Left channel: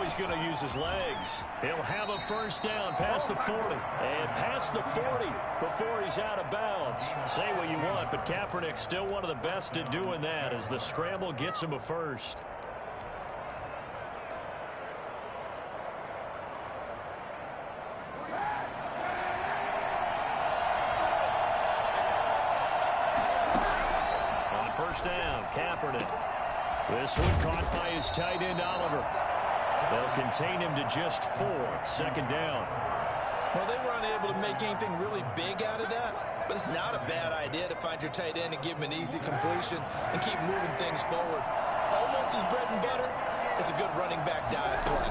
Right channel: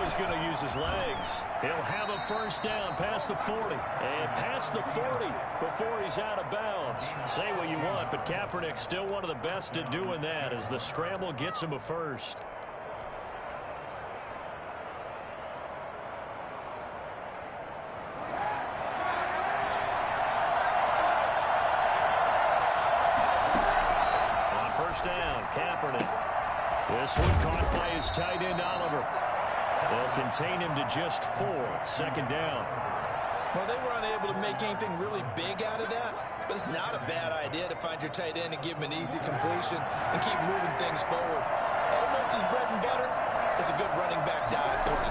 Now he's going to use his legs. He'll have a first down past the 40. And past the 40 before he's out of bounds. Say what you want, but Kaepernick's still one of the best at doing that as the scramble gets him a first. On first down, Kaepernick. This one caught by his tight end, Oliver. They'll contain him to just 4. Second down. Well, they were unable to make anything really big out of that, but it's not a bad idea to find your tight end and give him an easy completion and keep moving things forward. Almost his bread and butter is a good running back dive play.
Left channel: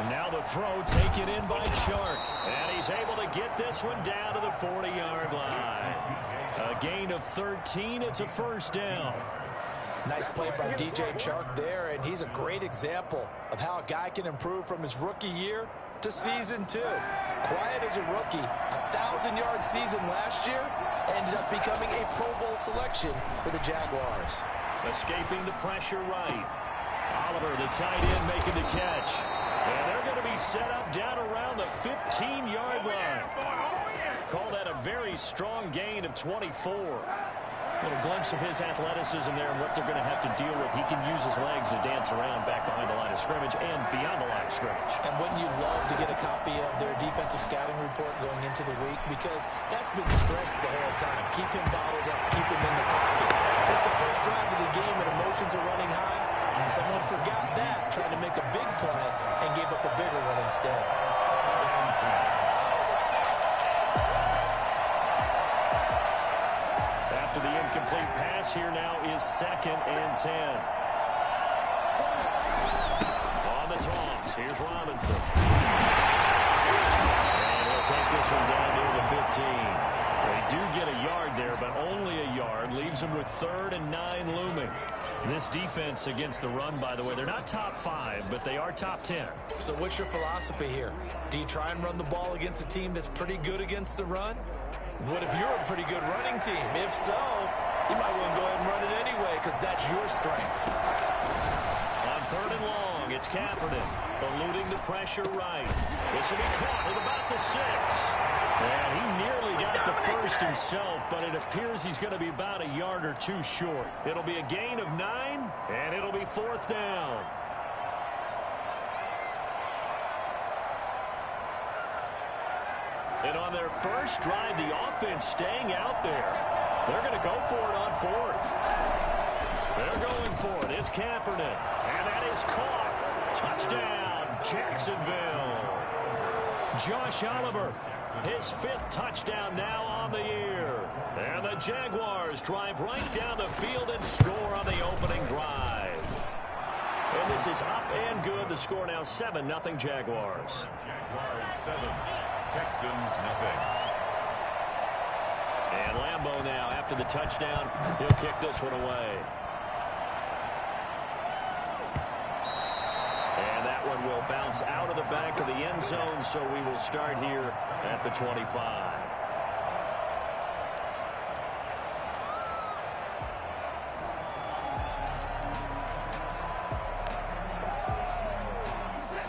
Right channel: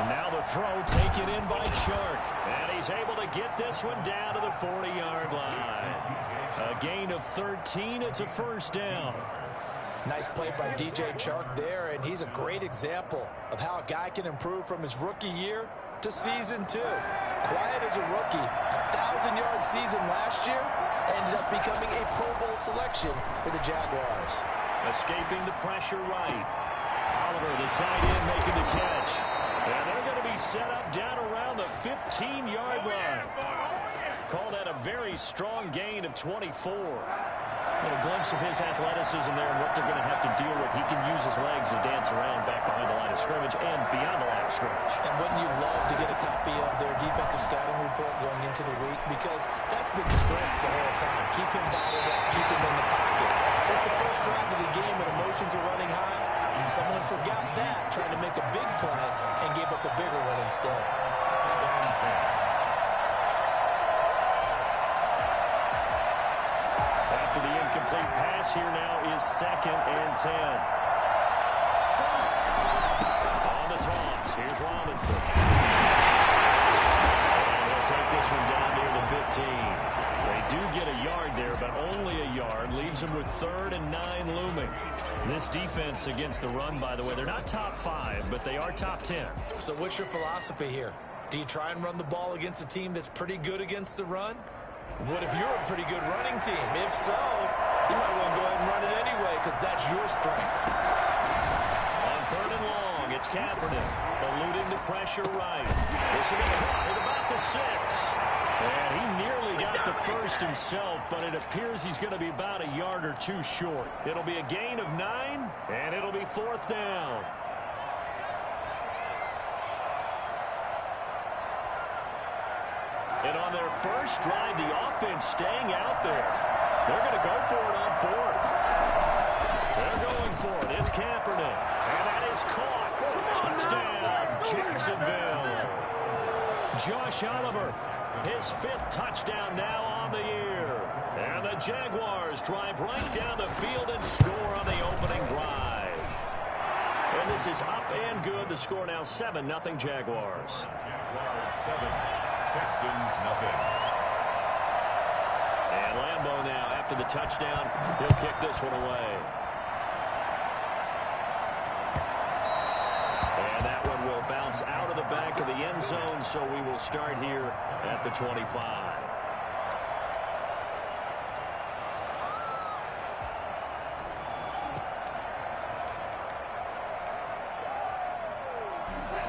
And now the throw taken in by Chark. And he's able to get this one down to the 40-yard line. A gain of 13. It's a first down. Nice play by DJ Chark there, and he's a great example of how a guy can improve from his rookie year to season 2. Quiet as a rookie, 1,000-yard season last year, ended up becoming a Pro Bowl selection for the Jaguars. Escaping the pressure right. Oliver, the tight end, making the catch. And they're going to be set up down around the 15-yard line. Call that a very strong gain of 24. Little glimpse of his athleticism there and what they're going to have to deal with. He can use his legs to dance around back behind the line of scrimmage and beyond the line of scrimmage. And wouldn't you love to get a copy of their defensive scouting report going into the week? Because that's been stressed the whole time. Keep him bottled up. Keep him in the pocket. That's the first drive of the game and emotions are running high. And someone forgot that, trying to make a big play and gave up a bigger one instead. After the incomplete pass, here now is 2nd and 10. On the toss, here's Robinson. And he'll take this one down near the 15. They do get a yard there, but only a yard. Leaves them with 3rd and 9 looming. This defense against the run, by the way, they're not top 5, but they are top 10. So what's your philosophy here? Do you try and run the ball against a team that's pretty good against the run? What if you're a pretty good running team? If so, you might want to go ahead and run it anyway because that's your strength. On 3rd and long, it's Kaepernick eluding the pressure right. This will be caught at about the 6. And he nearly got the first himself, but it appears he's going to be about a yard or 2 short. It'll be a gain of 9, and it'll be 4th down. And on their first drive, the offense staying out there. They're going to go for it on 4th. They're going for it. It's Kaepernick. And that is caught. Touchdown, Jacksonville. Josh Oliver, his 5th touchdown now on the year. And the Jaguars drive right down the field and score on the opening drive. And this is up and good. The score now 7-0 Jaguars. Jaguars 7. Texans nothing. And Lambeau now, after the touchdown, he'll kick this one away. And that one will bounce out of the back of the end zone, so we will start here at the 25.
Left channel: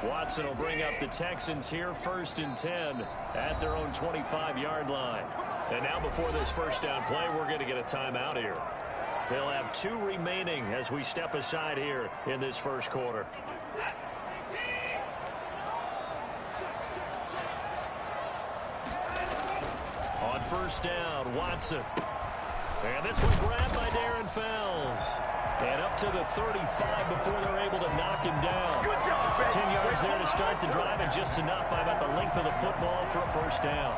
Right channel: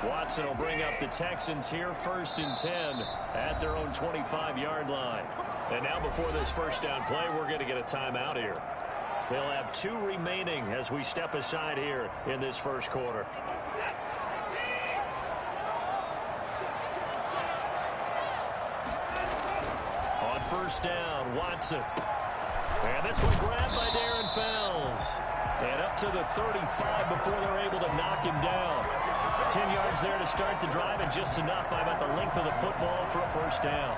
Watson will bring up the Texans here, 1st and 10 at their own 25-yard line. And now before this first down play, we're going to get a timeout here. They'll have 2 remaining as we step aside here in this first quarter. On first down, Watson. And this one grabbed by Darren Fells. And up to the 35 before they're able to knock him down. 10 yards there to start the drive, and just enough by about the length of the football for a first down.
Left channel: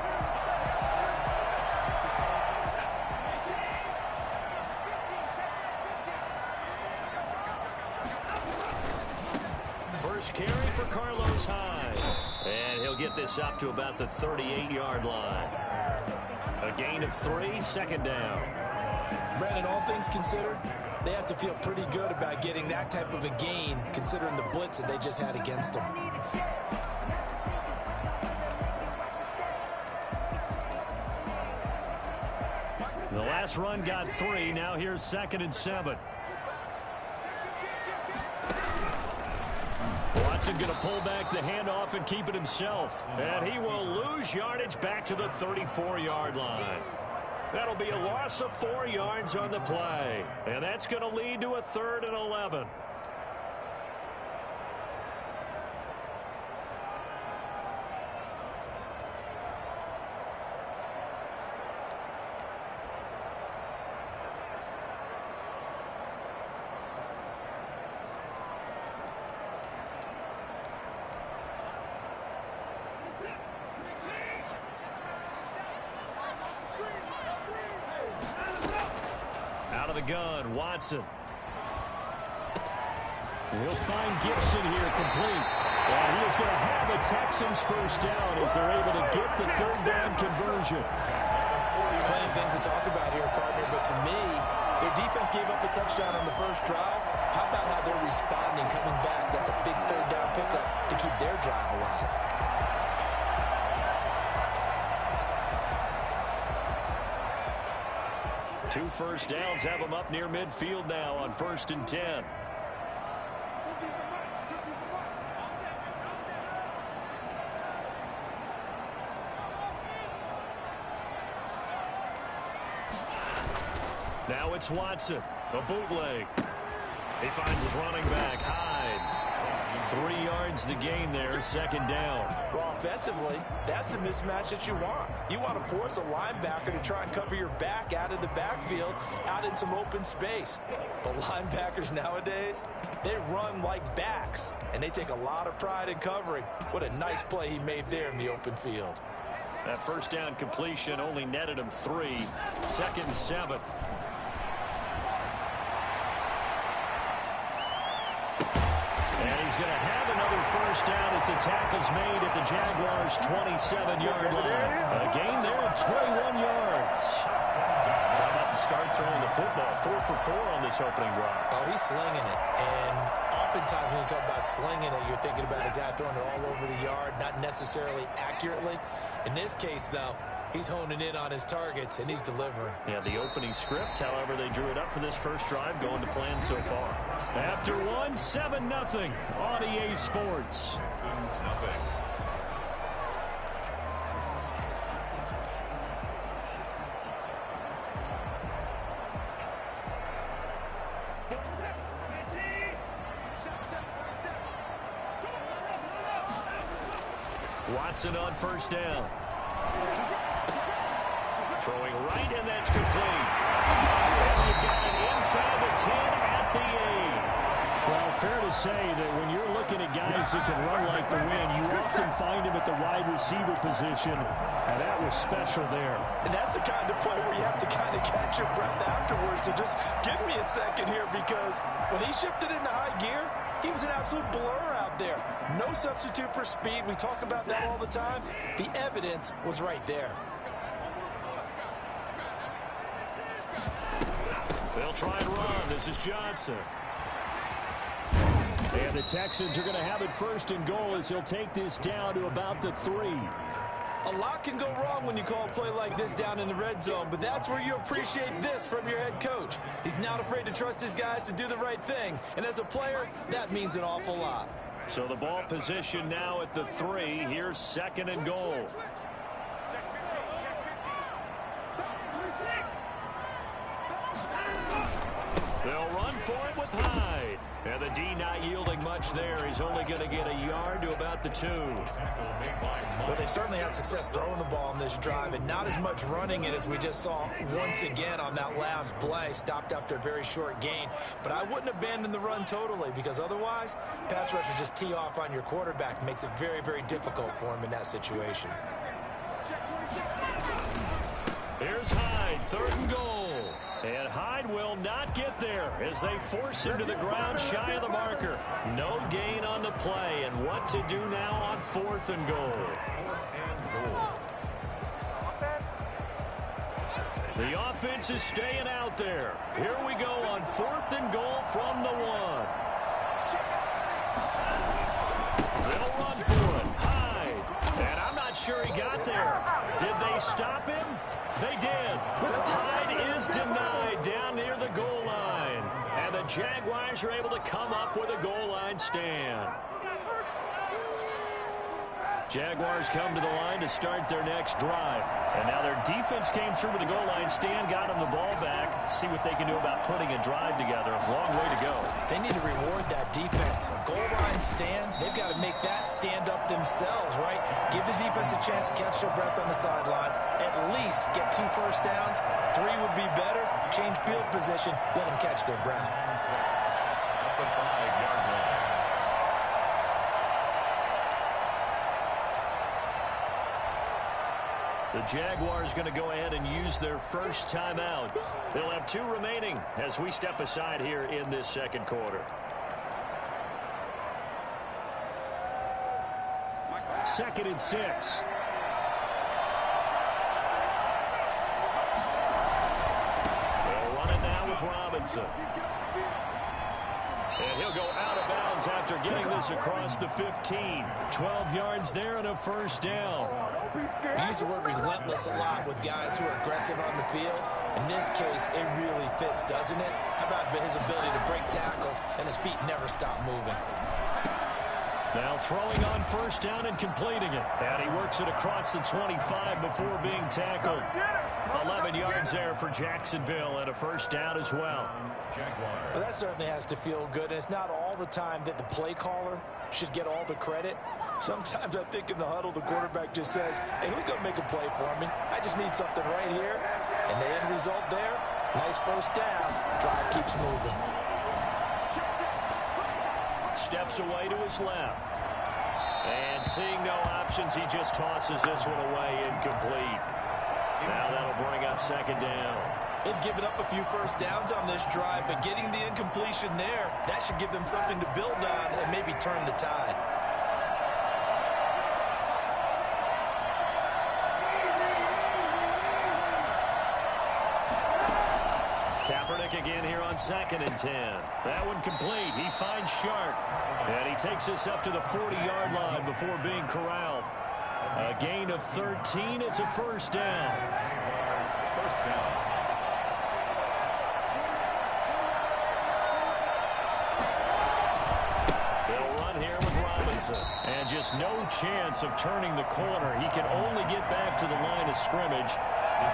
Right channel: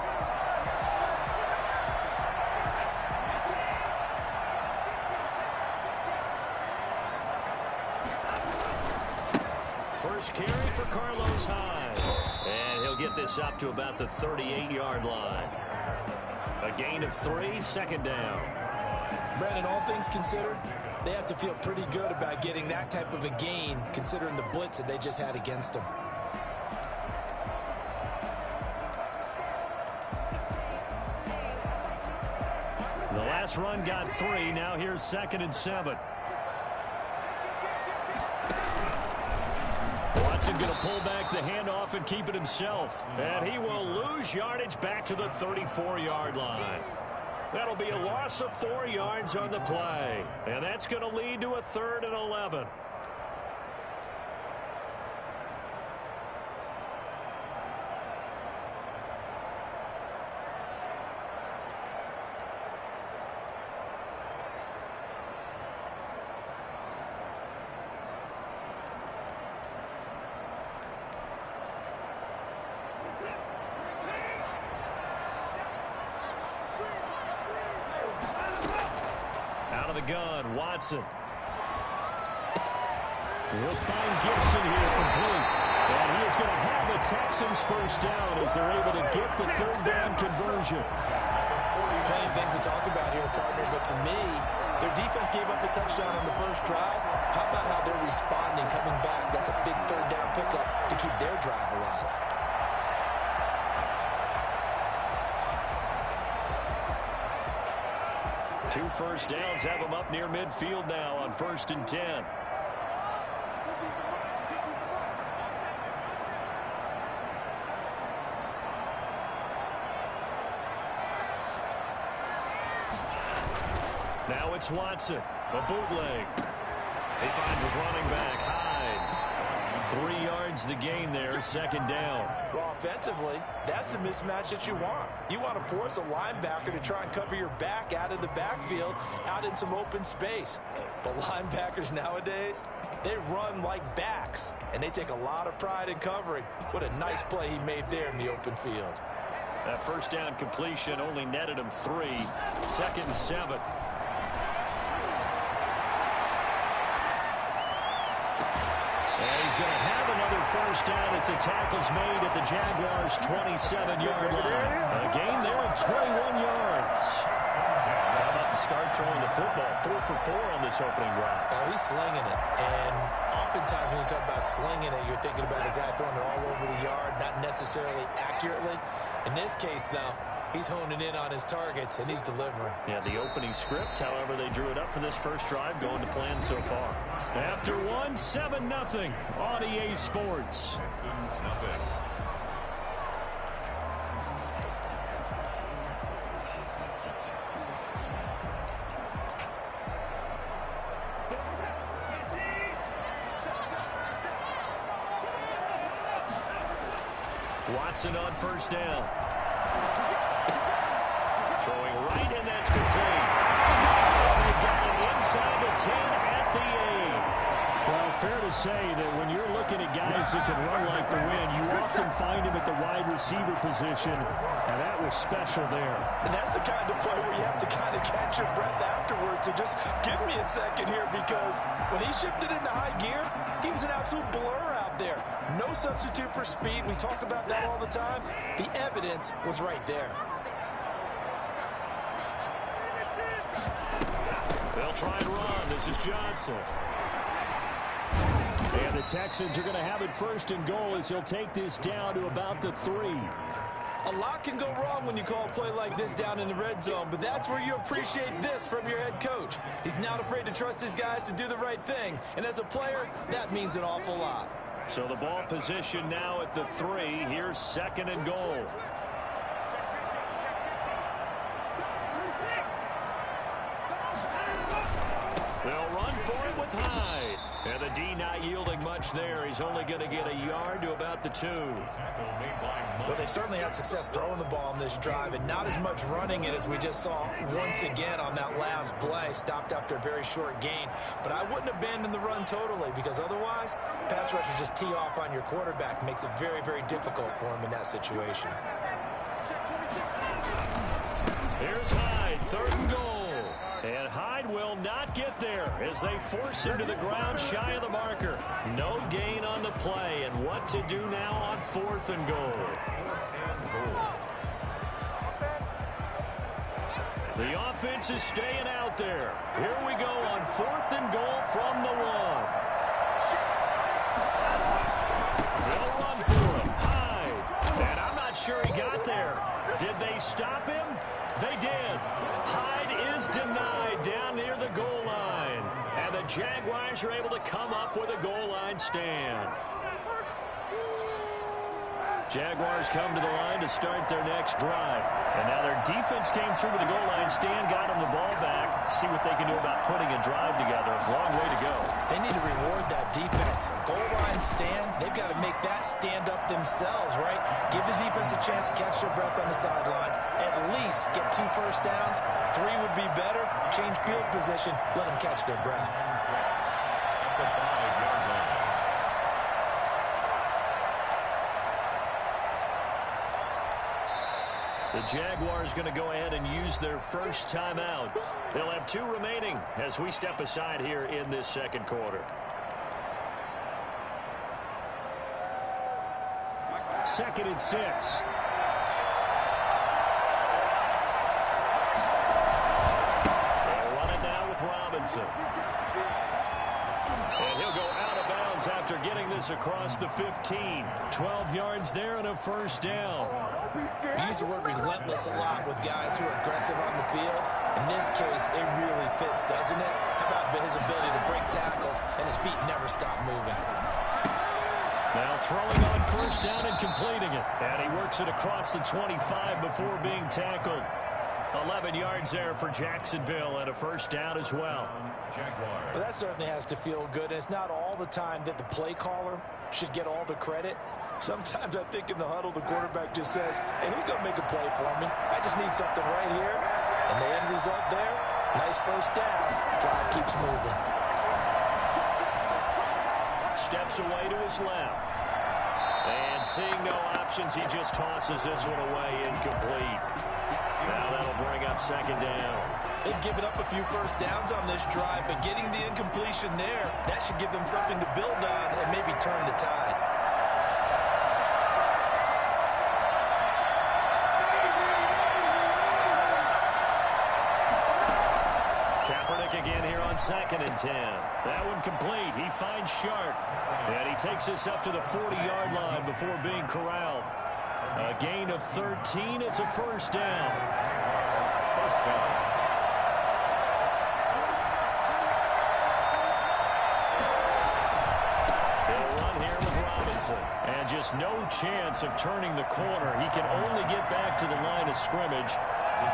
First carry for Carlos Hyde. And he'll get this up to about the 38-yard line. A gain of 3, 2nd down. Brandon, all things considered, they have to feel pretty good about getting that type of a gain considering the blitz that they just had against them. The last run got 3. Now here's 2nd and 7. Johnson going to pull back the handoff and keep it himself. And he will lose yardage back to the 34-yard line. That'll be a loss of 4 yards on the play. And that's going to lead to a 3rd and 11. Out of the gun, Watson. He'll find Gibson here complete. And he is going to have a Texans first down as they're able to get the 3rd down conversion. Plenty of things to talk about here, partner, but to me, their defense gave up a touchdown on the first drive. How about how they're responding, coming back? That's a big 3rd down pickup to keep their drive alive. Two first downs have them up near midfield now on 1st and 10. Now it's Watson, a bootleg. He finds his running back, Hyde. 3 yards the gain there, 2nd down. Well, offensively, that's the mismatch that you want. You want to force a linebacker to try and cover your back out of the backfield, out in some open space. But linebackers nowadays, they run like backs, and they take a lot of pride in covering. What a nice play he made there in the open field. That first down completion only netted him 3. 2nd and 7. And he's going to have another first down as the tackle's made at the Jaguars' 27-yard line. A gain there of 21 yards. How about the start throwing the football? 4 for 4 on this opening drive. Oh, he's slinging it. And oftentimes when you talk about slinging it, you're thinking about a guy throwing it all over the yard, not necessarily accurately. In this case, though, he's honing in on his targets, and he's delivering. Yeah, the opening script, however, they drew it up for this first drive, going to plan so far. After 7-0 on EA Sports. Texans nothing. Watson on first down. Throwing right, and that's complete. They've got it inside the 10 at the 8. Well, fair to say that when you're looking at guys that can run like the wind, you often find him at the wide receiver position, and that was special there. And that's the kind of play where you have to kind of catch your breath afterwards. So just give me a second here, because when he shifted into high gear, he was an absolute blur out there. No substitute for speed. We talk about that all the time. The evidence was right there. They'll try and run. This is Johnson. And the Texans are going to have it 1st and goal as he'll take this down to about the 3. A lot can go wrong when you call a play like this down in the red zone, but that's where you appreciate this from your head coach. He's not afraid to trust his guys to do the right thing, and as a player, that means an awful lot. So the ball position now at the 3. Here's 2nd and goal. They'll run for it with Hyde. And the D not yielding much there. He's only going to get a yard to about the 2. Well, they certainly had success throwing the ball on this drive, and not as much running it as we just saw once again on that last play. Stopped after a very short gain. But I wouldn't abandon the run totally, because otherwise, pass rushers just tee off on your quarterback. Makes it very, very difficult for him in that situation. Here's Hyde, 3rd and goal. And Hyde will not get there as they force him to the ground shy of the marker. No gain on the play, and what to do now on 4th and goal. The offense is staying out there. Here we go on 4th and goal from the 1. They'll run for him. Hyde. And I'm not sure he got there. Did they stop him? They did. Hyde is denied down near the goal line. And the Jaguars are able to come up with a goal line stand. Jaguars come to the line to start their next drive. And now their defense came through with a goal line stand, got them the ball back. See what they can do about putting a drive together. Long way to go. They need to reward that defense. A goal line stand, they've got to make that stand up themselves, right? Give the defense a chance to catch their breath on the sidelines. At least get 2 first downs. 3 would be better. Change field position. Let them catch their breath. At the 5-yard line. The Jaguars going to go ahead and use their first timeout. They'll have 2 remaining as we step aside here in this second quarter. Second and 6. They'll run it now with Robinson. And he'll go out of bounds after getting this across the 15. 12 yards there and a first down. We use the word relentless a lot with guys who are aggressive on the field. In this case, it really fits, doesn't it? How about his ability to break tackles and his feet never stop moving? Now throwing on first down and completing it. And he works it across the 25 before being tackled. 11 yards there for Jacksonville and a first down as well. But that certainly has to feel good. And it's not all the time that the play caller should get all the credit. Sometimes I think in the huddle, the quarterback just says, hey, who's going to make a play for me? I just need something right here. And the end result there, nice first down. Drive keeps moving. Steps away to his left. And seeing no options, he just tosses this one away incomplete. Now that'll bring up second down. They've given up a few first downs on this drive, but getting the incompletion there, that should give them something to build on and maybe turn the tide. Kaepernick again here on second and 10. That one complete. He finds Shark. And he takes this up to the 40-yard line before being corralled. A gain of 13. It's a first down. First down. He'll run here with Robinson. And just no chance of turning the corner. He can only get back to the line of scrimmage.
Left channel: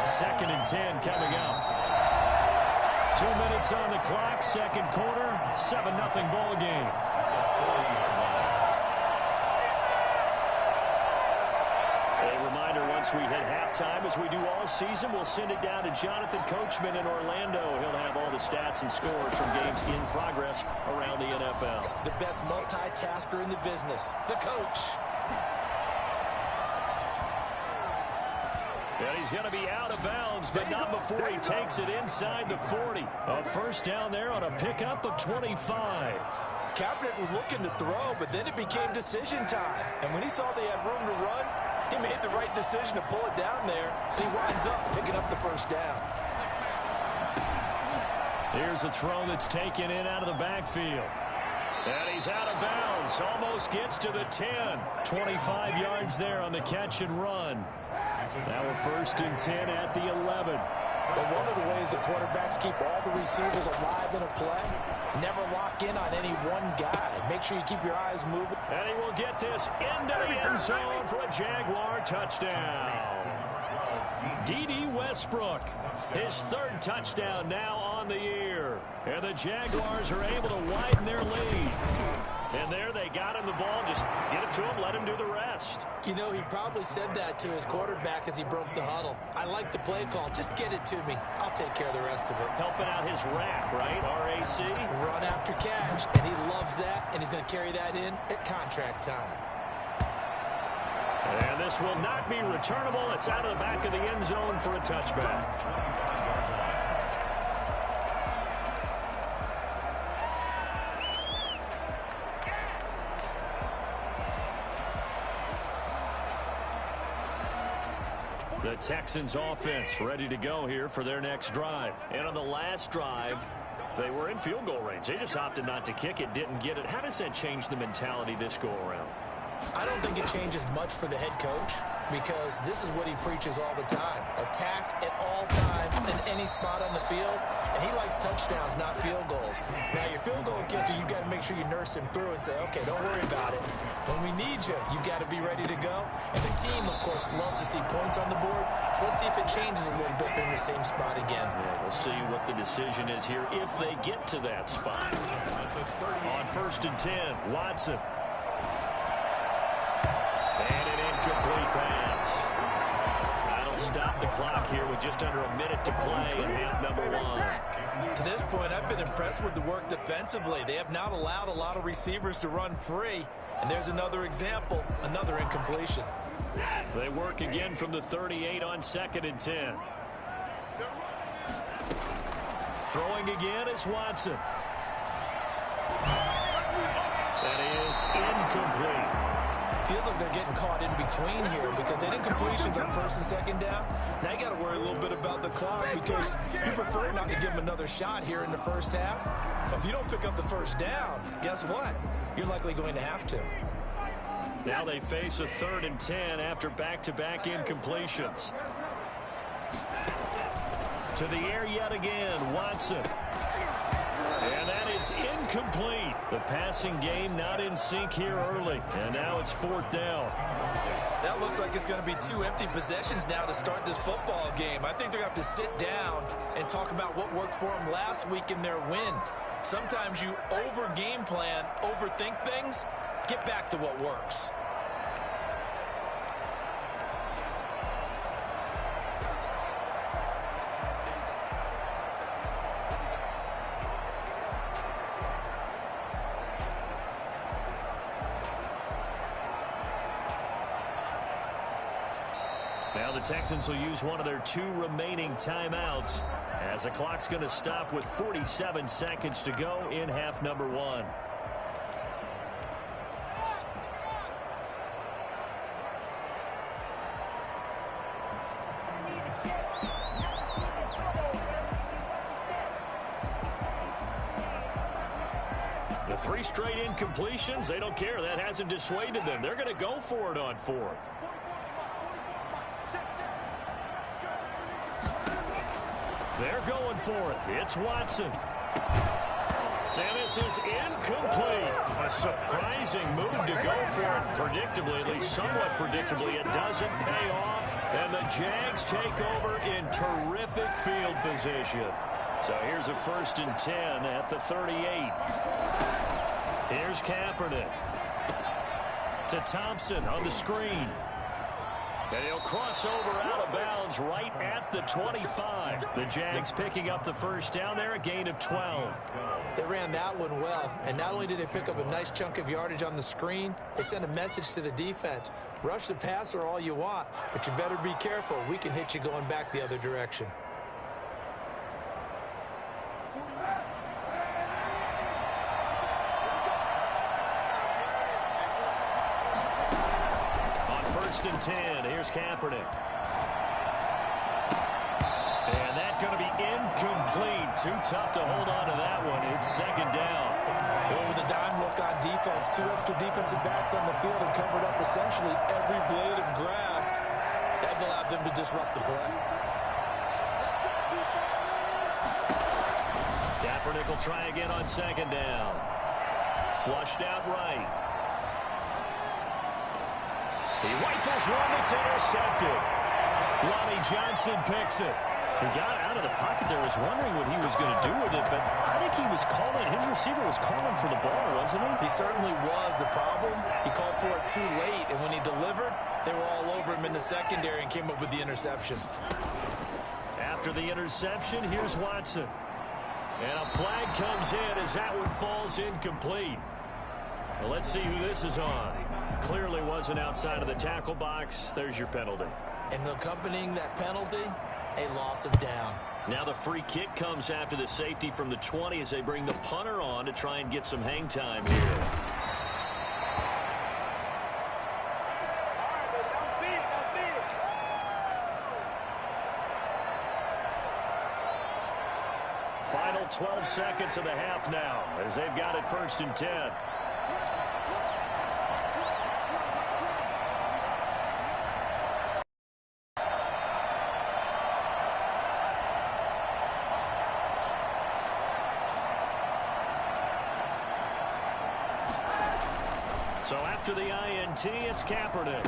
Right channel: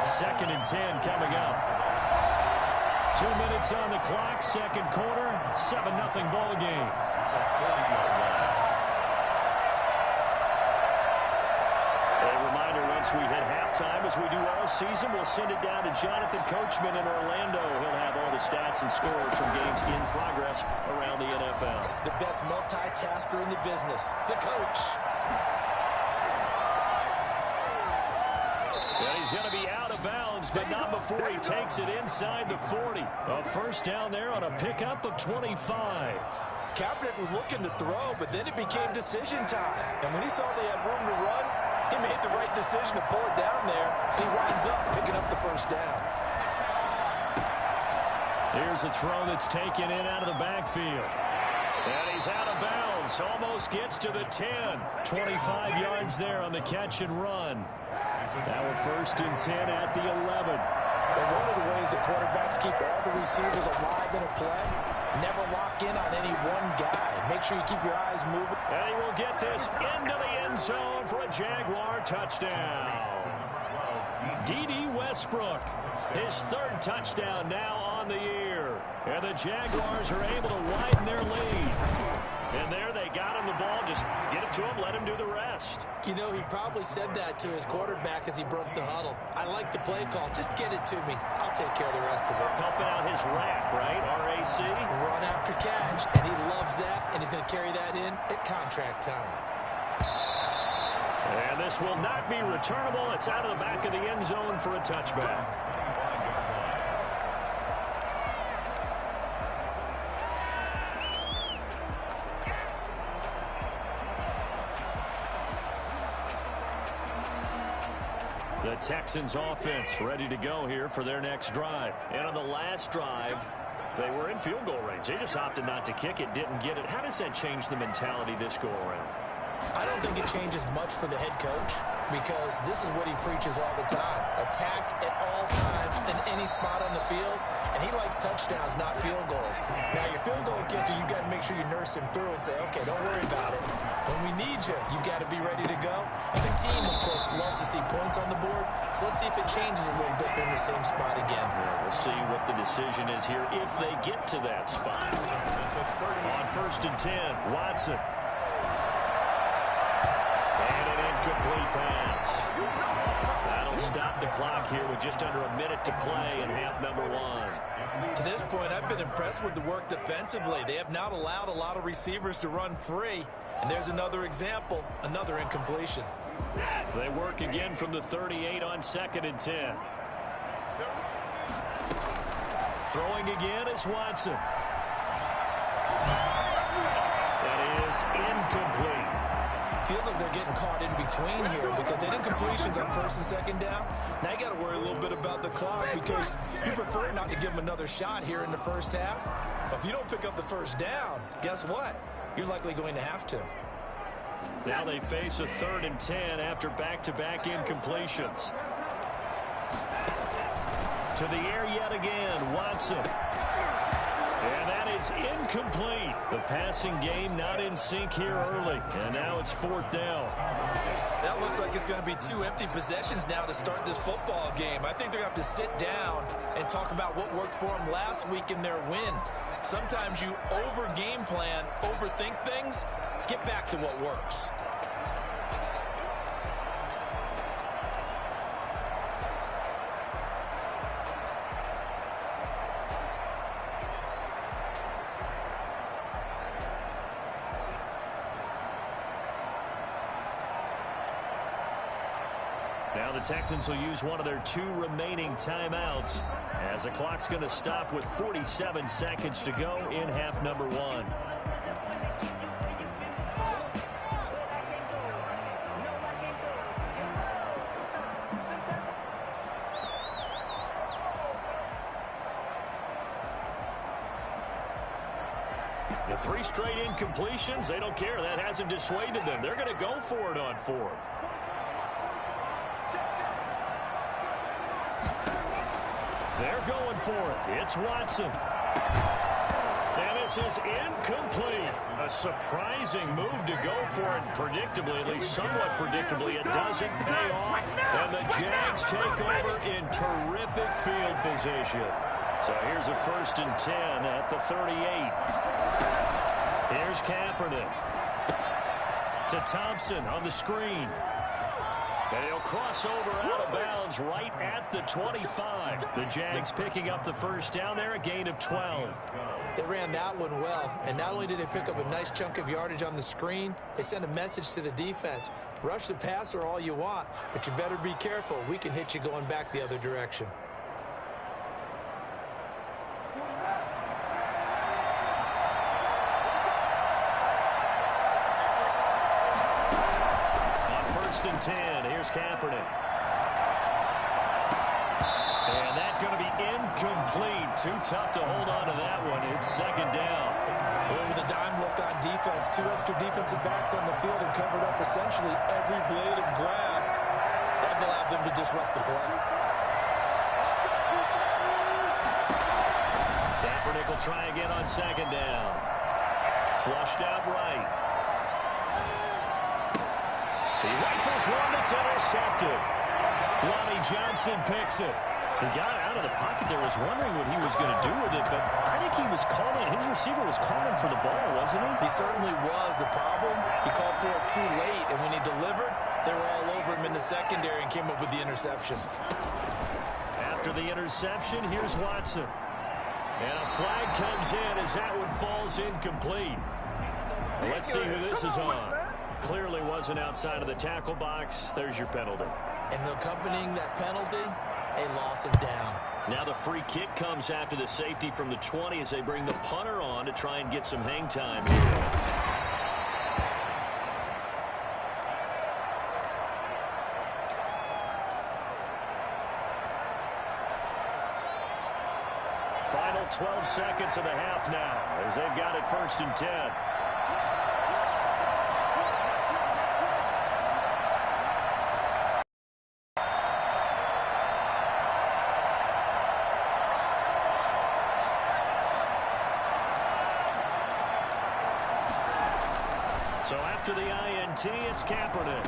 Second and 10 coming up. 2 minutes on the clock, second quarter, 7-0 ball game. A reminder, once we hit halftime, as we do all season, we'll send it down to Jonathan Coachman in Orlando. He'll have all the stats and scores from games in progress around the NFL. The best multitasker in the business, the coach. And he's going to be out of bounds, but not before he takes it inside the 40. A first down there on a pickup of 25. Kaepernick was looking to throw, but then it became decision time. And when he saw they had room to run, he made the right decision to pull it down there, and he winds up picking up the first down. Here's a throw that's taken in out of the backfield. And he's out of bounds. Almost gets to the 10. 25 yards there on the catch and run. Now we're first and 10 at the 11. But one of the ways that quarterbacks keep all the receivers alive in a play, never lock in on any one guy. Make sure you keep your eyes moving. And he will get this into the end zone for a Jaguar touchdown. D.D. Westbrook, his third touchdown now on the year. And the Jaguars are able to widen their lead. And there they got him the ball. Just get it to him, let him do the rest. You know, he probably said that to his quarterback as he broke the huddle. I like the play call. Just get it to me. I'll take care of the rest of it. Helping out his rack, right? R-A-C? Run after catch. And he loves that, and he's going to carry that in at contract time. And this will not be returnable. It's out of the back of the end zone for a touchback. The Texans offense ready to go here for their next drive. And on the last drive, they were in field goal range. They just opted not to kick it, didn't get it. How does that change the mentality this go around? I don't think it changes much for the head coach. because this is what he preaches all the time. Attack at all times in any spot on the field, and he likes touchdowns, not field goals. Now, your field goal kicker, you got to make sure you nurse him through and say, okay, don't worry about it. When we need you, you got to be ready to go. And the team, of course, loves to see points on the board, so let's see if it changes a little bit. They're in the same spot again. Yeah, we'll see what the decision is here if they get to that spot. On 1st and 10, Watson. And an incomplete pass. That'll stop the clock here with just under a minute to play in half number 1. To this point, I've been impressed with the work defensively. They have not allowed a lot of receivers to run free. And there's another example, another incompletion. They work again from the 38 on 2nd and 10. Throwing again is Watson. That is incomplete. Feels like they're getting caught in between here because they didn't completions on 1st and 2nd down. Now you got to worry a little bit about the clock because you prefer not to give them another shot here in the first half. But if you don't pick up the first down, guess what? You're likely going to have to. Now they face a 3rd and 10 after back-to-back incompletions. To the air yet again, Watson. And that is incomplete. The passing game not in sync here early. And now it's 4th down. That looks like it's going to be 2 empty possessions now to start this football game. I think they're going to have to sit down and talk about what worked for them last week in their win. Sometimes you over-game plan, overthink things. Get back to what works. Now the Texans will use one of their 2 remaining timeouts as the clock's going to stop with 47 seconds to go in half number 1. The 3 straight incompletions, they don't care. That hasn't dissuaded them. They're going to go for it on 4th. They're going for it. It's Watson. And this is incomplete. A surprising move to go for it. Predictably, at least somewhat predictably, it doesn't pay off. And the Jags take over in terrific field position. So here's a 1st and 10 at the 38. Here's Kaepernick. To Thompson on the screen. And he'll cross over out of bounds right at the 25. The Jags picking up the 1st down there, a gain of 12. They ran that one well, and not only did they pick up a nice chunk of yardage on the screen, they sent a message to the defense. Rush the passer all you want, but you better be careful. We can hit you going back the other direction. On 1st and 10, here's Kaepernick. And that's going to be incomplete. Too tough to hold on to that one. It's 2nd down. With a dime look on defense, 2 extra defensive backs on the field and covered up essentially every blade of grass. That allowed them to disrupt the play. Kaepernick will try again on 2nd down. Flushed out right. He rifles one that's intercepted. Lonnie Johnson picks it. He got out of the pocket there, was wondering what he was going to do with it, but I think he was calling, his receiver was calling for the ball, wasn't he? He certainly was. The problem, he called for it too late, and when he delivered, they were all over him in the secondary and came up with the interception. After the interception, here's Watson. And a flag comes in as that one falls incomplete. Well, let's see who this is on. Clearly wasn't outside of the tackle box. There's your penalty. And accompanying that penalty, a loss of down. Now the free kick comes after the safety from the 20 as they bring the punter on to try and get some hang time here. Final 12 seconds of the half now as they've got it 1st and 10. So after the INT, it's Kaepernick.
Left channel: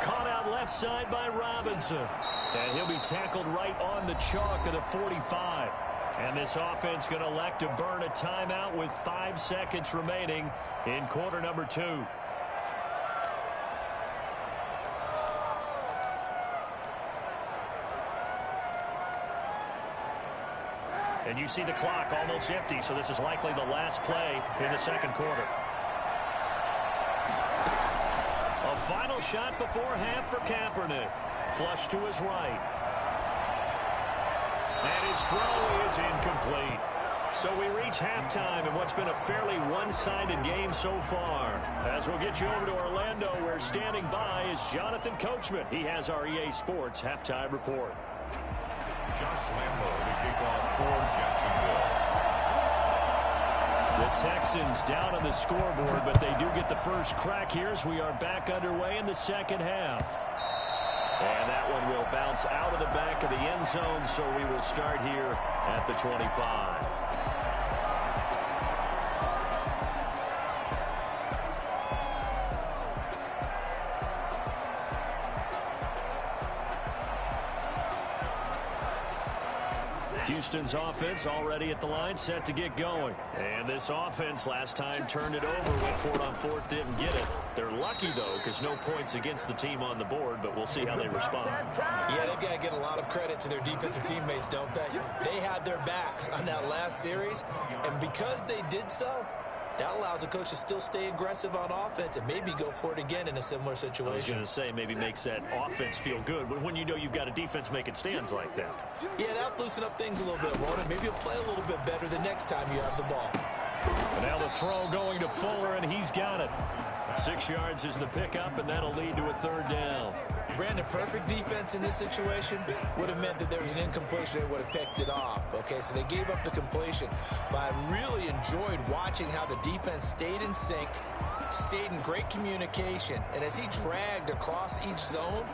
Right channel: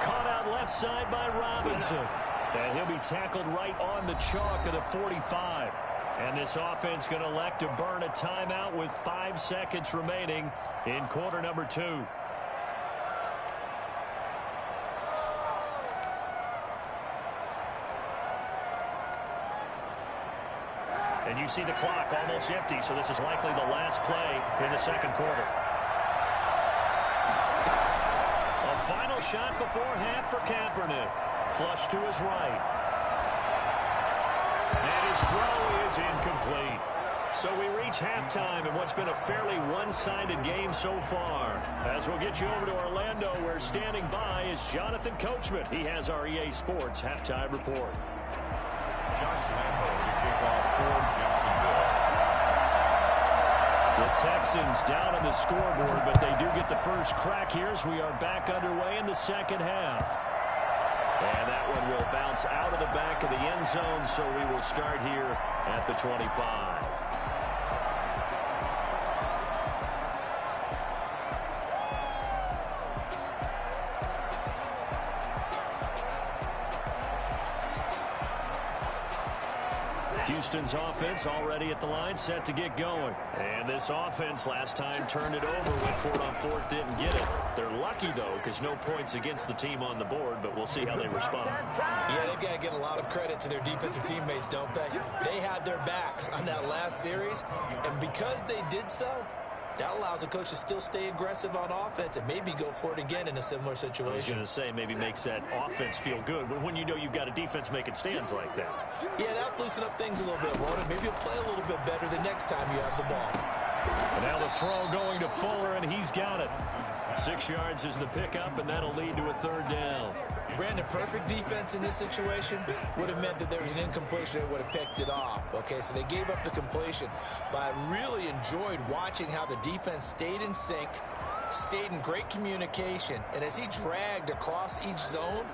Caught out left side by Robinson. And he'll be tackled right on the chalk of the 45. And this offense going to elect to burn a timeout with 5 seconds remaining in quarter number 2. And you see the clock almost empty, so this is likely the last play in the second quarter. A final shot before half for Kaepernick. Flush to his right. And his throw is incomplete. So we reach halftime in what's been a fairly one-sided game so far. As we'll get you over to Orlando, where standing by is Jonathan Coachman. He has our EA Sports halftime report. Josh Lambo to kick off for Jacksonville. The Texans down on the scoreboard, but they do get the first crack here as we are back underway in the second half. And that one will bounce out of the back of the end zone, so we will start here at the 25. Houston's offense already at the line, set to get going. And this offense last time turned it over, went for it on fourth, didn't get it. They're lucky, though, because no points against the team on the board, but we'll see how they respond. Yeah, they've got to give a lot of credit to their defensive teammates, don't they? They had their backs on that last series, and because they did so, that allows a coach to still stay aggressive on offense and maybe go for it again in a similar situation. I was going to say, maybe makes that offense feel good when you know you've got a defense making stands like that. Yeah, that'll loosen up things a little bit, won't it? Maybe you'll play a little bit better the next time you have the ball. And now the throw going to Fuller, and he's got it. 6 yards is the pickup, and that'll lead to a third down. Brandon, perfect defense in this situation would have meant that there was an incompletion. They would have picked it off. Okay, so they gave up the completion. But I really enjoyed watching how the defense stayed in sync, stayed in great communication. And as he dragged across each zone,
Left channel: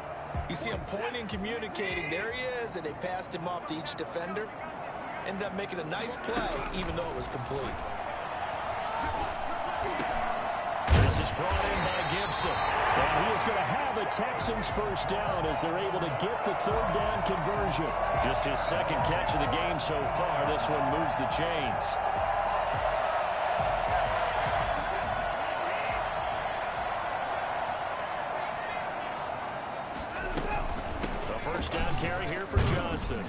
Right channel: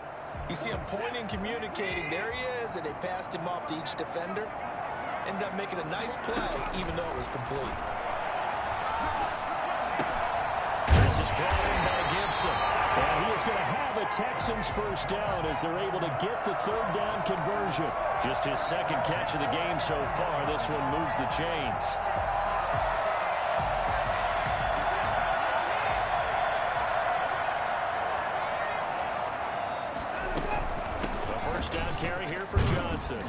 you see him pointing, communicating. There he is, and they passed him off to each defender. Ended up making a nice play, even though it was complete. This is brought in by Gibson. And he is going to have a Texans first down as they're able to get the third down conversion. Just his second catch of the game so far. This one moves the chains. The first down carry here for Johnson.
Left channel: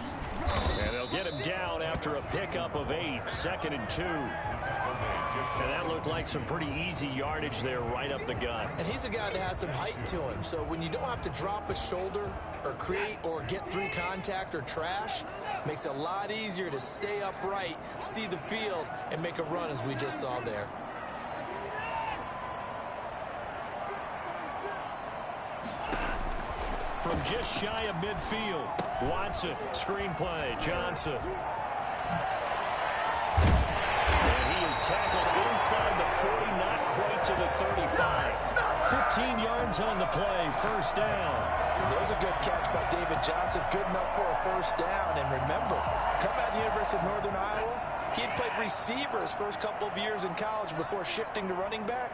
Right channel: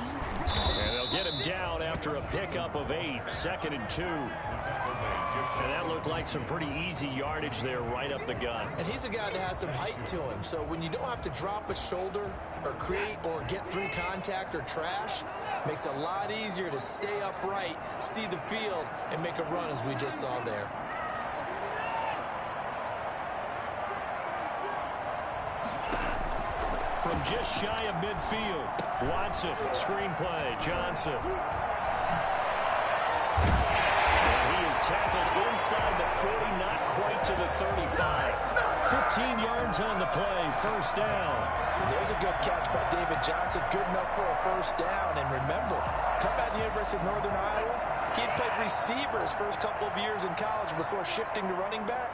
And they'll get him down after a pickup of 8, 2nd and 2. And that looked like some pretty easy yardage there right up the gut. And he's a guy that has some height to him. So when you don't have to drop a shoulder or create or get through contact or trash, makes it a lot easier to stay upright, see the field, and make a run as we just saw there. From just shy of midfield, Watson, screenplay, Johnson. And he is tackled inside the 40, not quite to the 35. 15 yards on the play, first down. There's a good catch by David Johnson, good enough for a first down. And remember, coming out of the University of Northern Iowa, he had played receiver his first couple of years in college before shifting to running back.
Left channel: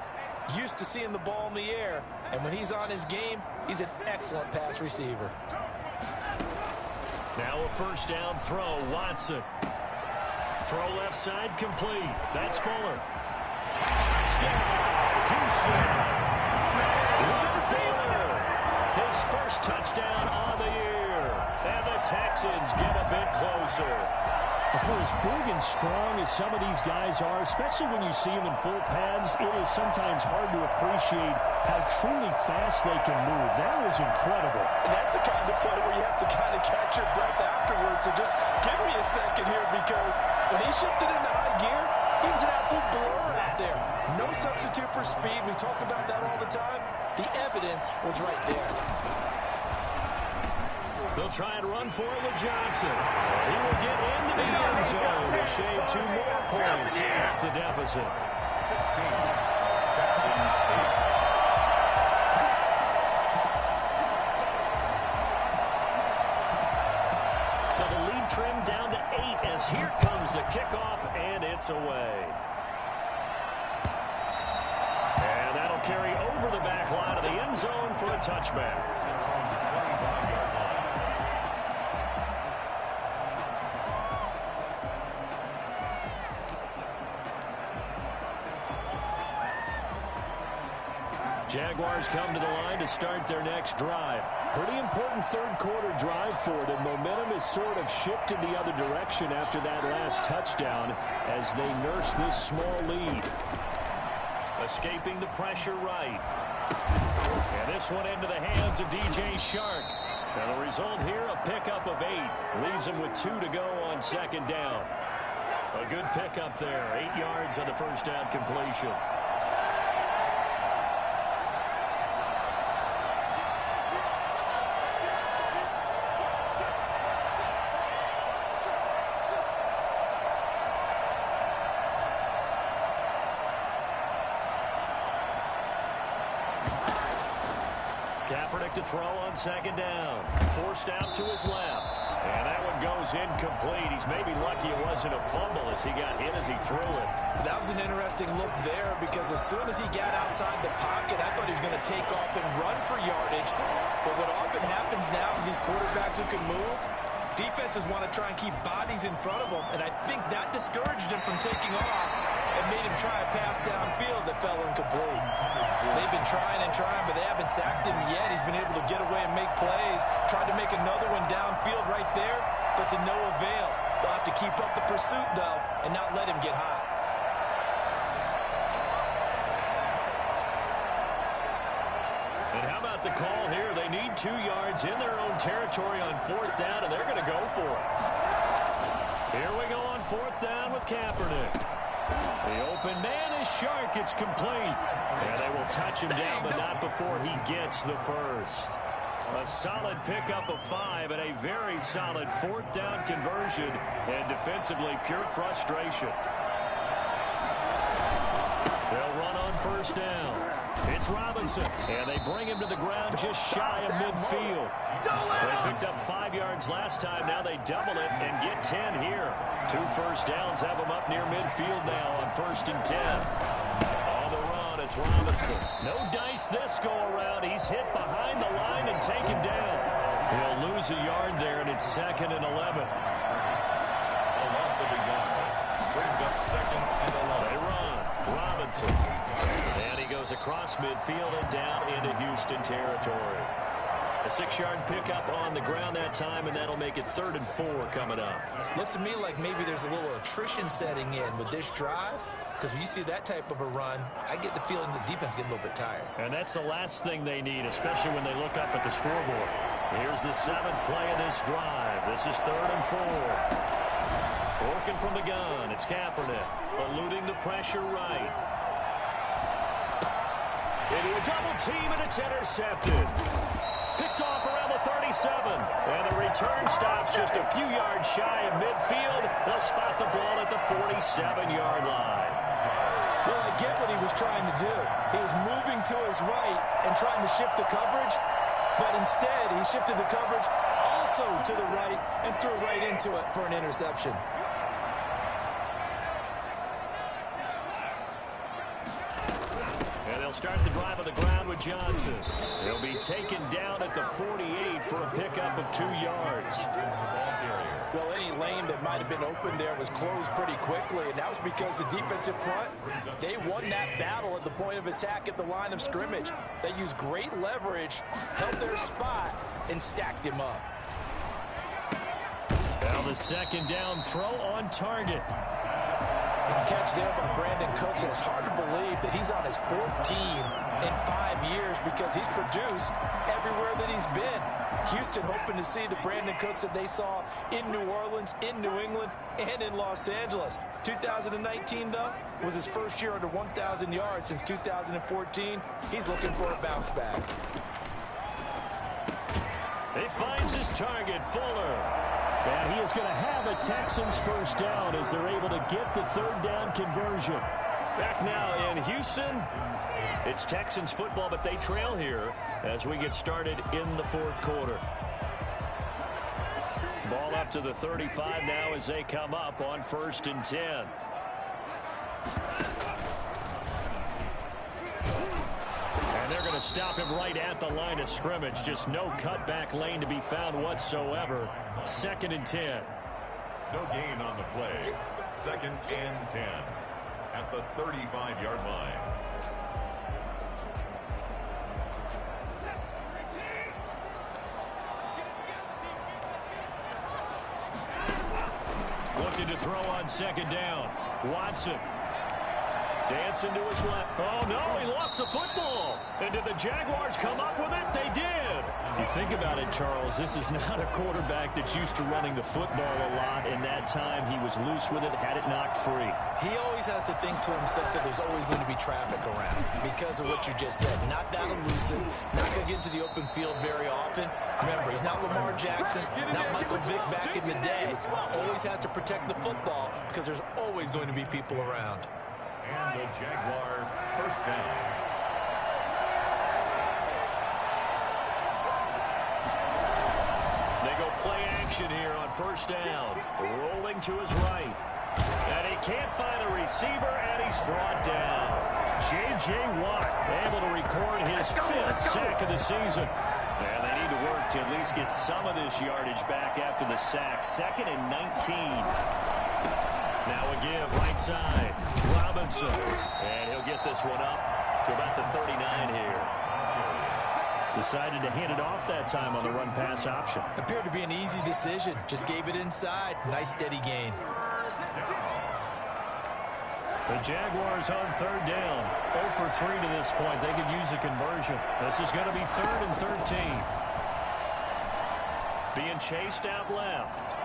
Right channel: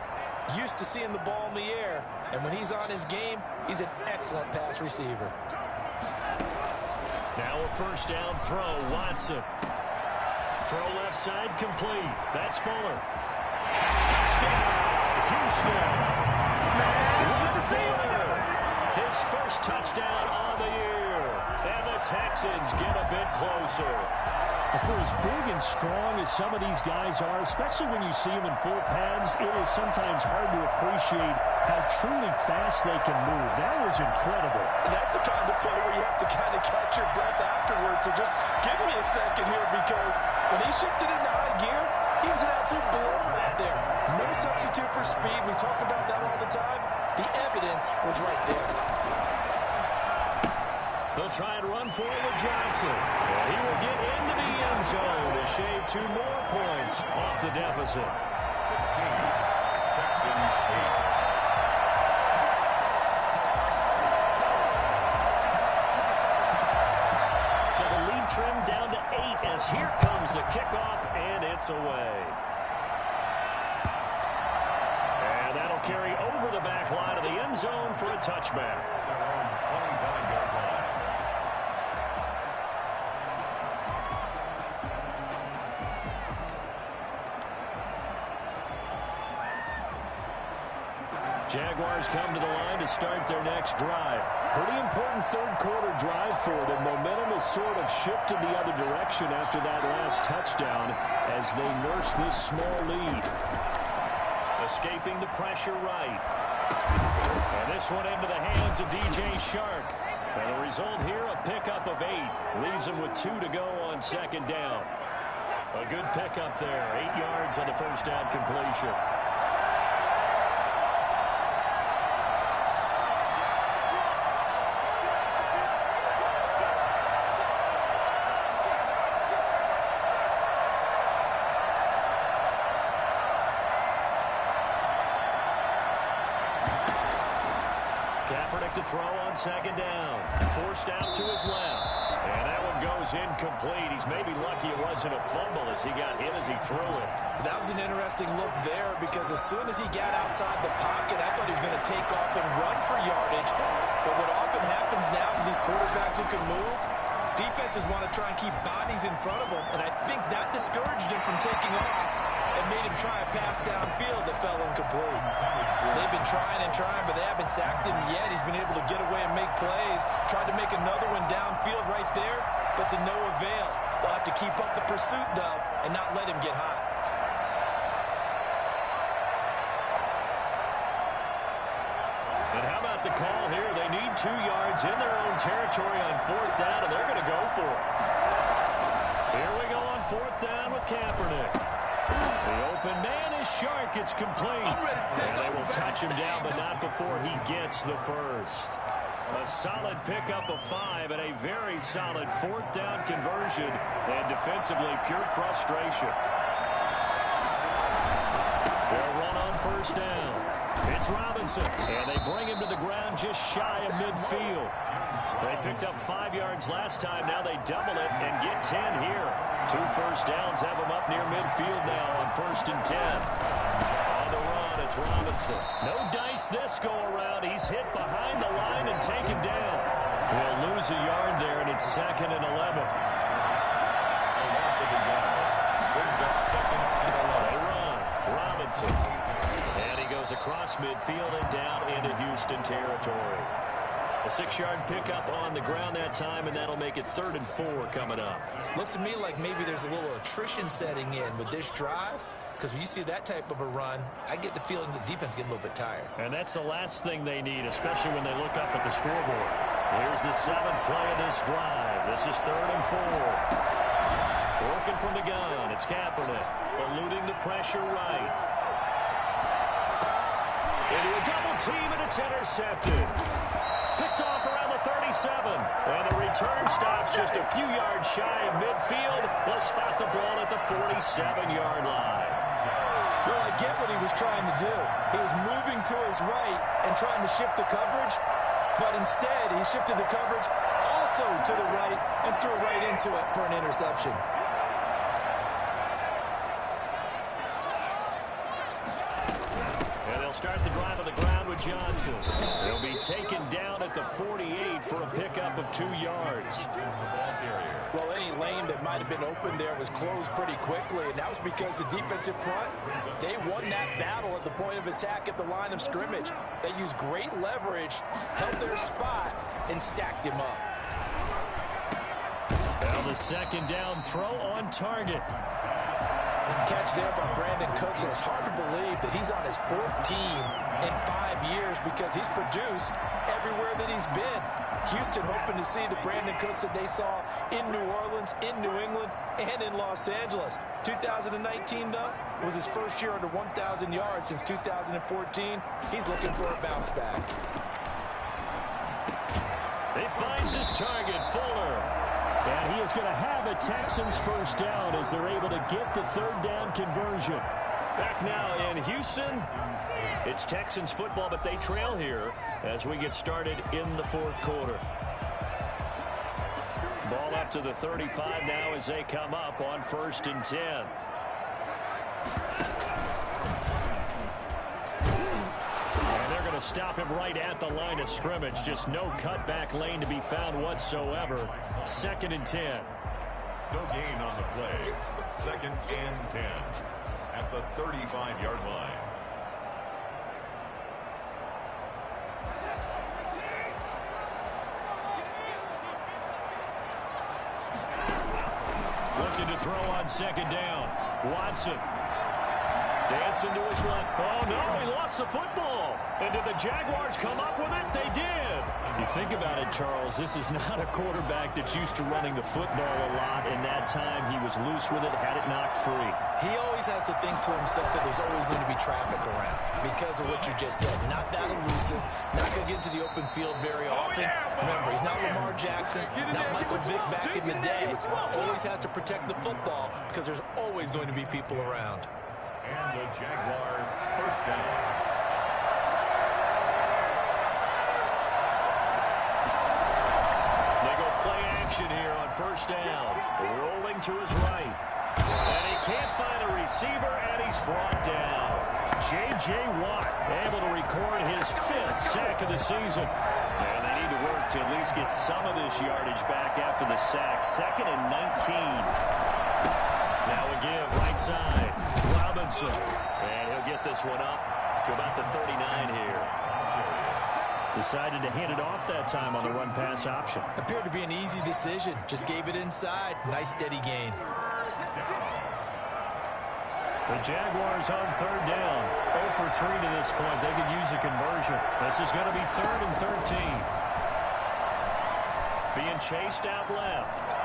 Used to seeing the ball in the air, and when he's on his game, he's an excellent pass receiver. Now a first down throw, Watson. Throw left side, complete. That's Fuller. Touchdown, Houston. Will Fuller, his first touchdown on the year. And the Texans get a bit closer. For as big and strong as some of these guys are, especially when you see them in full pads, it is sometimes hard to appreciate how truly fast they can move. That was incredible. And that's the kind of play where you have to kind of catch your breath afterwards. So just give me a second here, because when he shifted into high gear, he was an absolute blur out there. No substitute for speed. We talk about that all the time. The evidence was right there. They'll try and run for it with Johnson. And he will get into the end zone to shave 2 more points off the deficit. 16, Texans 8. So the lead trimmed down to 8 as here comes the kickoff, and it's away. And that'll carry over the back line of the end zone for a touchback. Their own 25-yard line. Jaguars come to the line to start their next drive. Pretty important third quarter drive for them. Momentum has sort of shifted the other direction after that last touchdown as they nurse this small lead. Escaping the pressure right. And this one into the hands of DJ Shark. And the result here, a pickup of 8. Leaves him with 2 to go on second down. A good pickup there. 8 yards on the first down completion. Kaepernick to throw on second down. Forced out to his left. And that one goes incomplete. He's maybe lucky it wasn't a fumble as he got hit as he threw it. That was an interesting look there because as soon as he got outside the pocket, I thought he was going to take off and run for yardage. But what often happens now with these quarterbacks who can move, defenses want to try and keep bodies in front of them. And I think that discouraged him from taking off and made him try a pass downfield that fell incomplete. They've been trying and trying, but they haven't sacked him yet. He's been able to get away and make plays. Tried to make another one downfield right there, but to no avail. They'll have to keep up the pursuit, though, and not let him get hot. And how about the call here? They need 2 yards in their own territory on fourth down, and they're going to go for it. Here we go on fourth down with Kaepernick. The open man is Shark. It's complete. And they will touch him down, but not before he gets the first. A solid pickup of 5 and a very solid fourth down conversion. And defensively, pure frustration. They'll run on first down. It's Robinson. And they bring him to the ground just shy of midfield. They picked up 5 yards last time. Now they double it and get 10 here. 2 first downs have them up near midfield now on 1st and 10. On the run, it's Robinson. No dice this go-around. He's hit behind the line and taken down. He'll lose a yard there, and it's 2nd and 11. A loss of a yard. Brings up 2nd and 11. They run. Robinson. And he goes across midfield and down into Houston territory. A 6-yard pickup on the ground that time, and that'll make it 3rd and 4 coming up. Looks to me like maybe there's a little attrition setting in with this drive, because when you see that type of a run, I get the feeling the defense getting a little bit tired. And that's the last thing they need, especially when they look up at the scoreboard. Here's the 7th play of this drive. This is 3rd and 4. Working from the gun, it's Kaepernick, eluding the pressure right. Into a double team, and it's intercepted. Picked off around the 37. And the return stops just a few yards shy of midfield. They'll spot the ball at the 47-yard line. Well, I get what he was trying to do. He was moving to his right and trying to shift the coverage, but instead he shifted the coverage also to the right and threw right into it for an interception. And they'll start the drive on the ground with Johnson. He'll be taken down at the 48 for a pickup of 2 yards. Well, any lane that might have been open there was closed pretty quickly, and that was because the defensive front, they won that battle at the point of attack at the line of scrimmage. They used great leverage, held their spot, and stacked him up. Now the 2nd down throw on target. Catch there by Brandon Cooks. And it's hard to believe that he's on his 4th team in 5 years because he's produced everywhere that he's been. Houston hoping to see the Brandon Cooks that they saw in New Orleans, in New England, and in Los Angeles. 2019, though, was his first year under 1,000 yards since 2014. He's looking for a bounce back. He finds his target, Fuller. And he is going to have a Texans first down as they're able to get the 3rd down conversion. Back now in Houston. It's Texans football, but they trail here as we get started in the 4th quarter. Ball up to the 35 now as they come up on 1st and 10. to stop him right at the line of scrimmage. Just no cutback lane to be found whatsoever. 2nd and 10. No gain on the play. 2nd and 10 at the 35-yard line. Looking to throw on 2nd down. Watson. Dancing to his left. Oh, no, he lost the football. And did the Jaguars come up with it? They did. You think about it, Charles, this is not a quarterback that's used to running the football a lot. In that time, he was loose with it, had it knocked free. He always has to think to himself that there's always going to be traffic around because of what you just said. Not that elusive, not going to get into the open field very often. Remember, he's not Lamar Jackson, not Michael Vick back in the day. Always has to protect the football because there's always going to be people around. And the Jaguar first down. They go play action here on 1st down. Rolling to his right. And he can't find a receiver, and he's brought down. J.J. Watt able to record his 5th sack of the season. And they need to work to at least get some of this yardage back after the sack. 2nd and 19. Now a give right side. Robinson. And he'll get this one up to about the 39 here. Decided to hand it off that time on the run-pass option. Appeared to be an easy decision. Just gave it inside. Nice steady gain. The Jaguars on 3rd down. 0 for 3 to this point. They could use a conversion. This is going to be 3rd and 13. Being chased out left.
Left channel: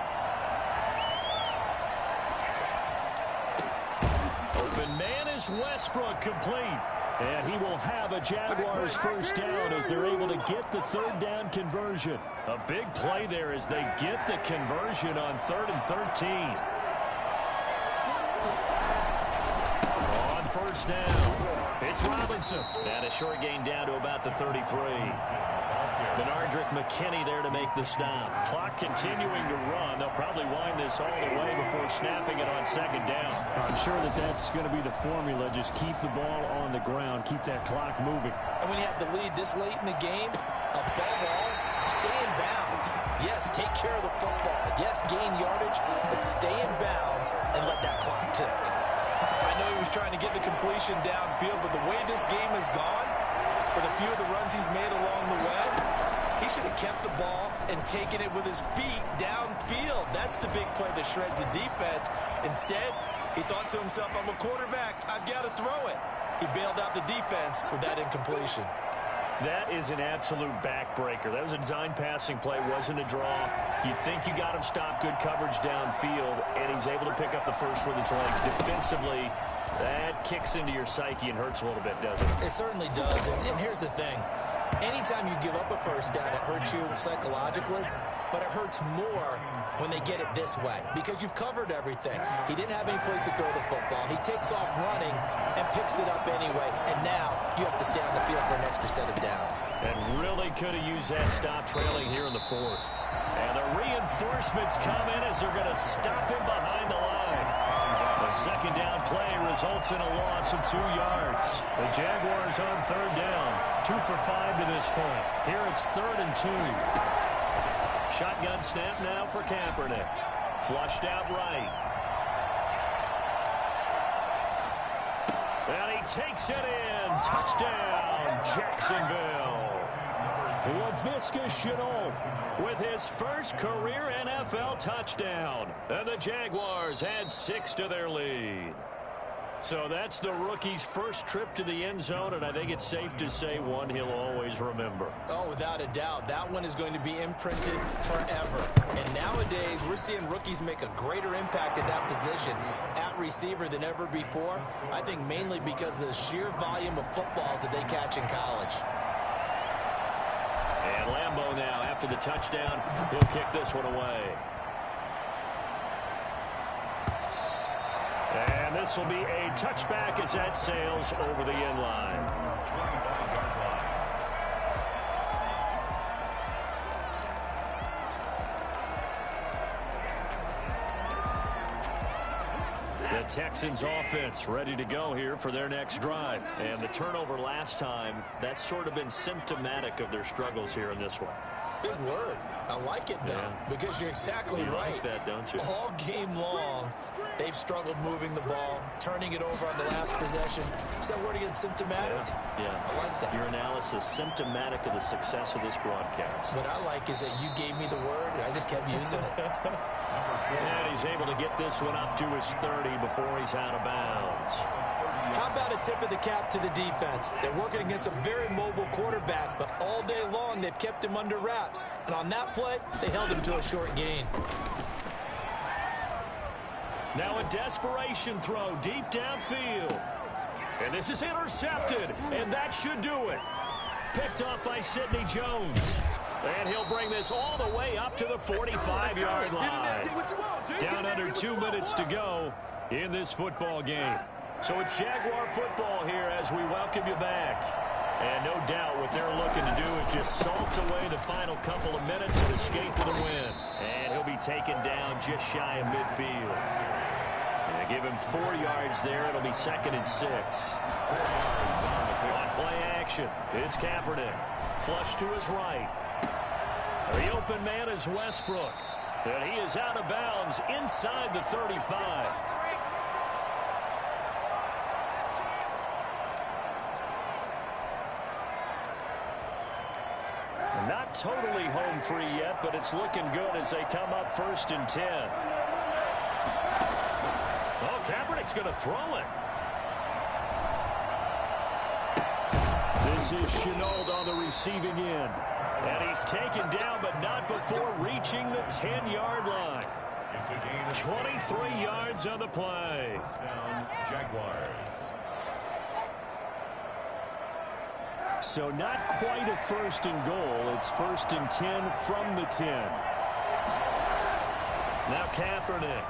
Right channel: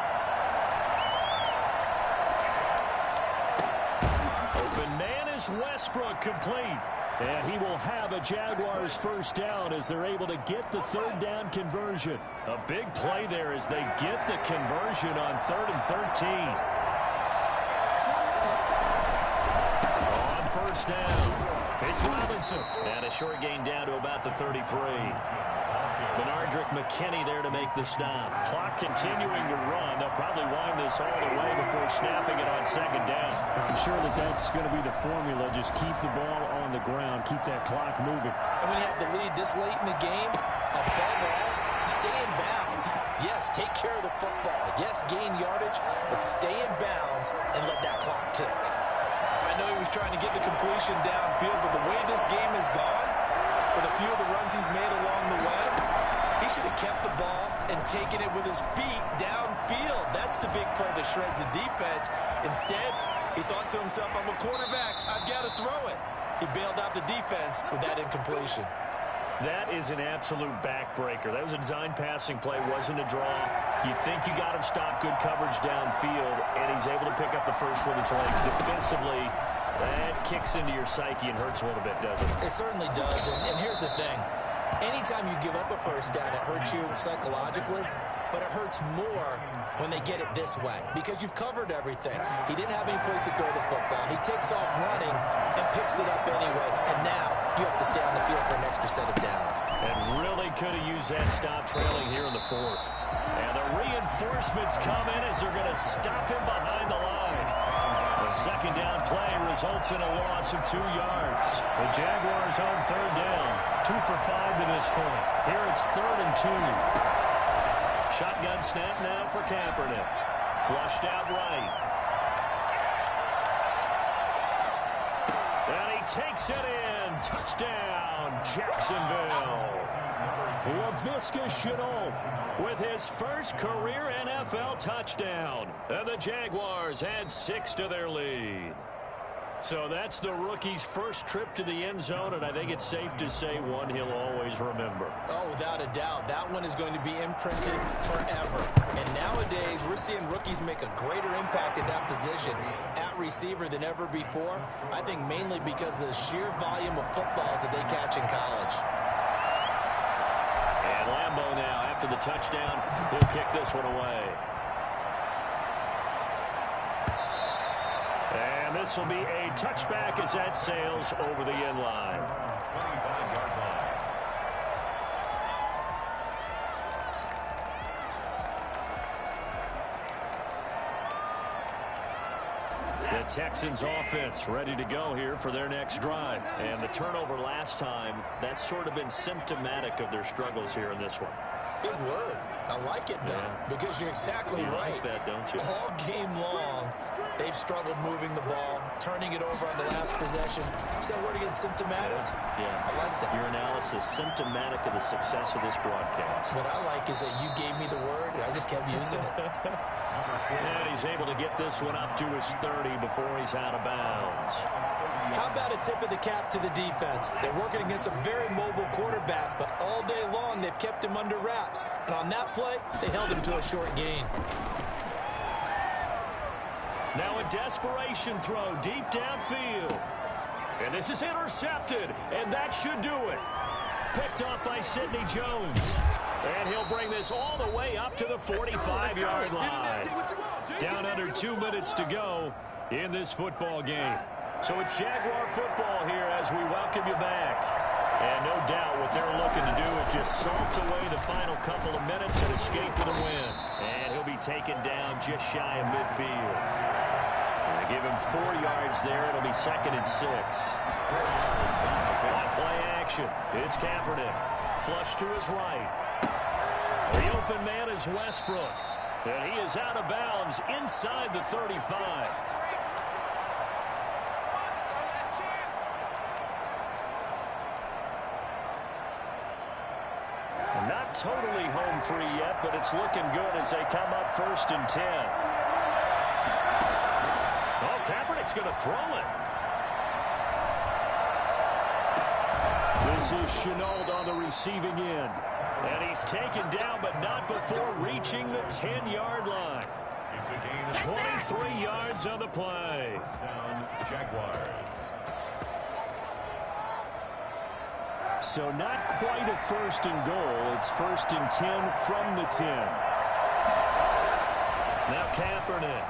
Open man is Westbrook, complete. And he will have a Jaguars 1st down as they're able to get the 3rd down conversion. A big play there as they get the conversion on 3rd and 13. On 1st down, it's Robinson. And a short gain down to about the 33. Benardrick McKinney there to make the stop. Clock continuing to run. They'll probably wind this all the way before snapping it on 2nd down. I'm sure that that's going to be the formula. Just keep the ball on the ground. Keep that clock moving. And when you have the lead this late in the game, above all, stay in bounds. Yes, take care of the football. Yes, gain yardage, but stay in bounds and let that clock tick. I know he was trying to get the completion downfield, but the way this game has gone, with a few of the runs he's made along the way, he should have kept the ball and taken it with his feet downfield. That's the big play that shreds the defense. Instead, he thought to himself, I'm a quarterback, I've got to throw it. He bailed out the defense with that incompletion. That is an absolute backbreaker. That was a design passing play, wasn't a draw. You think you got him stopped, good coverage downfield, and he's able to pick up the first with his legs. Defensively, that kicks into your psyche and hurts a little bit, doesn't it? It certainly does, and here's the thing. Anytime you give up a 1st down, it hurts you psychologically, but it hurts more when they get it this way because you've covered everything. He didn't have any place to throw the football. He takes off running and picks it up anyway, and now you have to stay on the field for an extra set of downs. And really could have used that stop trailing here in the 4th. And the reinforcements come in as they're going to stop him behind the line. The 2nd down play results in a loss of 2 yards. The Jaguars on 3rd down. 2 for 5 to this point. Here it's 3rd and 2. Shotgun snap now for Kaepernick. Flushed out right. And he takes it in. Touchdown, Jacksonville. Laviska Shenault with his first career NFL touchdown. And the Jaguars add 6 to their lead. So that's the rookie's first trip to the end zone, and I think it's safe to say one he'll always remember. Oh, without a doubt. That one is going to be imprinted forever. And nowadays, we're seeing rookies make a greater impact at that position at receiver than ever before. I think mainly because of the sheer volume of footballs that they catch in college. And Lambeau now, after the touchdown, he'll kick this one away. And this will be a touchback as that sails over the end line. 25-yard line. The Texans offense ready to go here for their next drive. And the turnover last time, that's sort of been symptomatic of their struggles here in this one. Good word. I like it, though, because you're exactly right. Like that, don't you? All game long, they've struggled moving the ball, turning it over on the last possession. Is that word again, symptomatic? Yeah. I like that. Your analysis, symptomatic of the success of this broadcast. What I like is that you gave me the word, and I just kept using it. And he's able to get this one up to his 30 before he's out of bounds. How about a tip of the cap to the defense? They're working against a very mobile quarterback, but all day long they've kept him under wraps. And on that play, they held him to a short gain. Now a desperation throw deep downfield. And this is intercepted, and that should do it. Picked off by Sidney Jones. And he'll bring this all the way up to the 45-yard line. Down under 2 minutes to go in this football game. So it's Jaguar football here as we welcome you back. And no doubt what they're looking to do is just salt away the final couple of minutes and escape with a win. And he'll be taken down just shy of midfield. And I give him 4 yards there. It'll be 2nd and 6. On play action, it's Kaepernick. Flush to his right. The open man is Westbrook. And he is out of bounds inside the 35. Not totally home free yet, but it's looking good as they come up 1st and 10. Oh, Kaepernick's going to throw it. This is Chenault on the receiving end. And he's taken down, but not before reaching the 10-yard line. 23 yards on the play. Down, Jaguars. So not quite a 1st and goal. It's 1st and 10 from the 10. Now Kaepernick.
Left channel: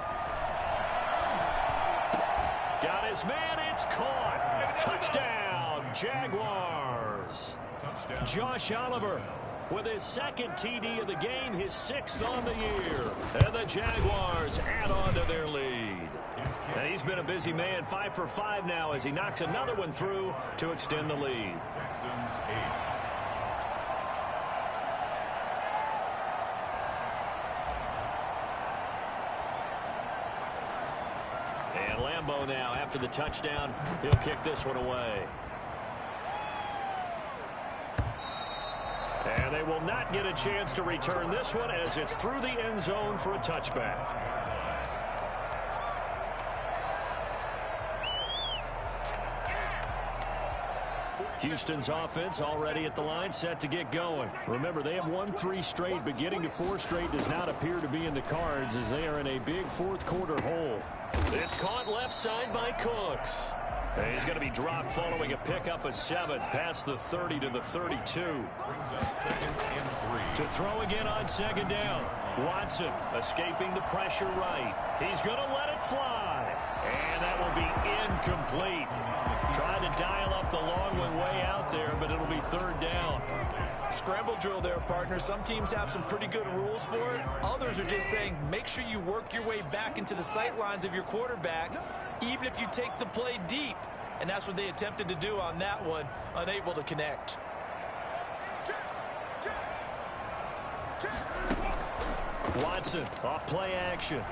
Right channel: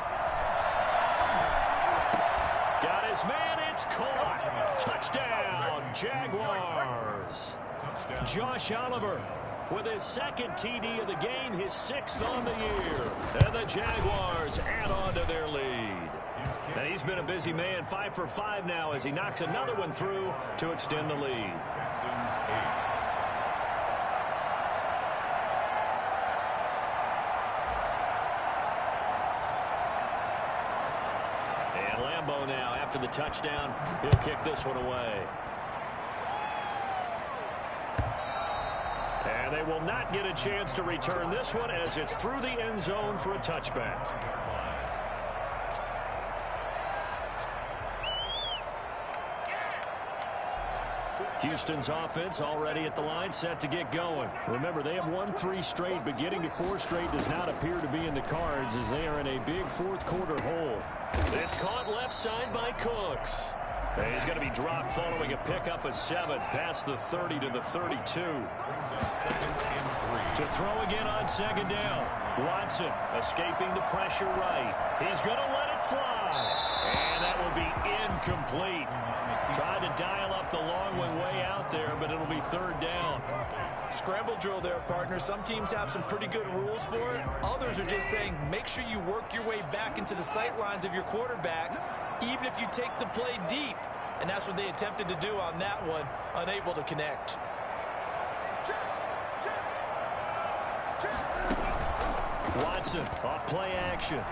Got his man. It's caught. Touchdown, Jaguars. Touchdown. Josh Oliver with his 2nd TD of the game, his 6th on the year. And the Jaguars add on to their lead. And he's been a busy man, 5 for 5 now as he knocks another one through to extend the lead. Texans 8. And Lambeau now, after the touchdown, he'll kick this one away. And they will not get a chance to return this one as it's through the end zone for a touchback. Houston's offense already at the line, set to get going. Remember, they have won 3 straight, but getting to 4 straight does not appear to be in the cards as they are in a big 4th quarter hole. It's caught left side by Cooks. And he's going to be dropped following a pickup of 7 past the 30 to the 32. Brings up 2nd and 3. To throw again on 2nd down. Watson escaping the pressure right. He's going to let it fly. And that will be incomplete. Tried to dial up the long one way out there, but it'll be 3rd down. Scramble drill there, partner. Some teams have some pretty good rules for it. Others are just saying make sure you work your way back into the sight lines of your quarterback, even if you take the play deep. And that's what they attempted to do on that one, unable to connect. Watson off play action.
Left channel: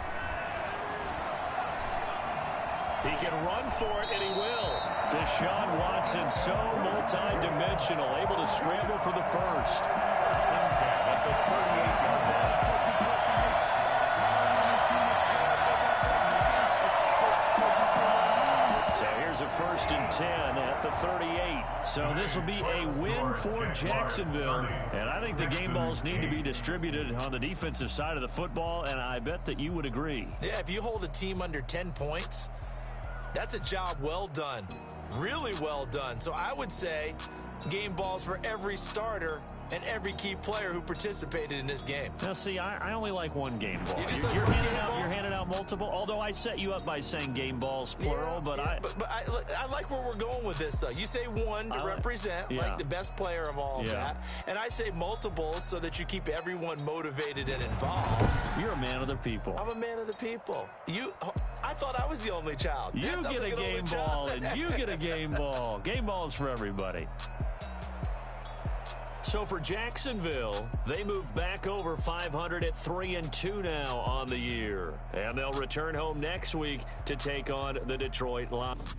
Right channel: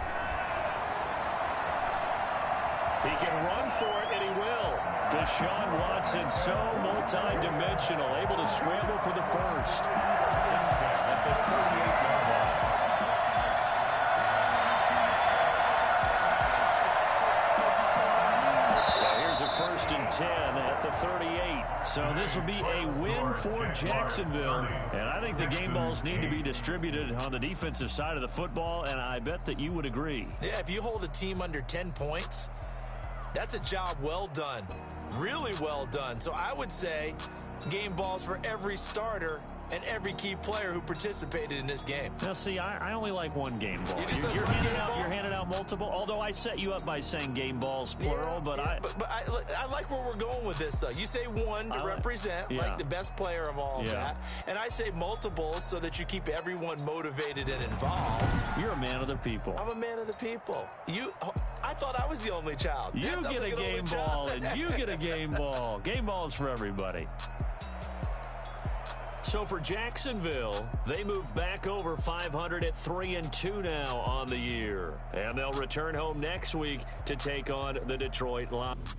He can run for it, and he will. Deshaun Watson, so multi-dimensional, able to scramble for the 1st. 1st and 10 at the 38-yard line. So here's a 1st and 10 at the 38. So this will be a win for Jacksonville. And I think the game balls need to be distributed on the defensive side of the football, and I bet that you would agree. Yeah, if you hold a team under 10 points, that's a job well done. Really well done. So I would say game balls for every starter and every key player who participated in this game. Now, see, I only like one game ball. You're handing out multiple, although I set you up by saying game balls, plural, but I like where we're going with this, though. You say one to represent, like the best player of all of that, and I say multiples so that you keep everyone motivated and involved. You're a man of the people. I'm a man of the people. I thought I was the only child. You get a game ball, and you get a game ball. Game balls for everybody. So for Jacksonville, they move back over 500 at 3-2 now on the year. And they'll return home next week to take on the Detroit Lions.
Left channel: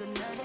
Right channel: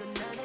Another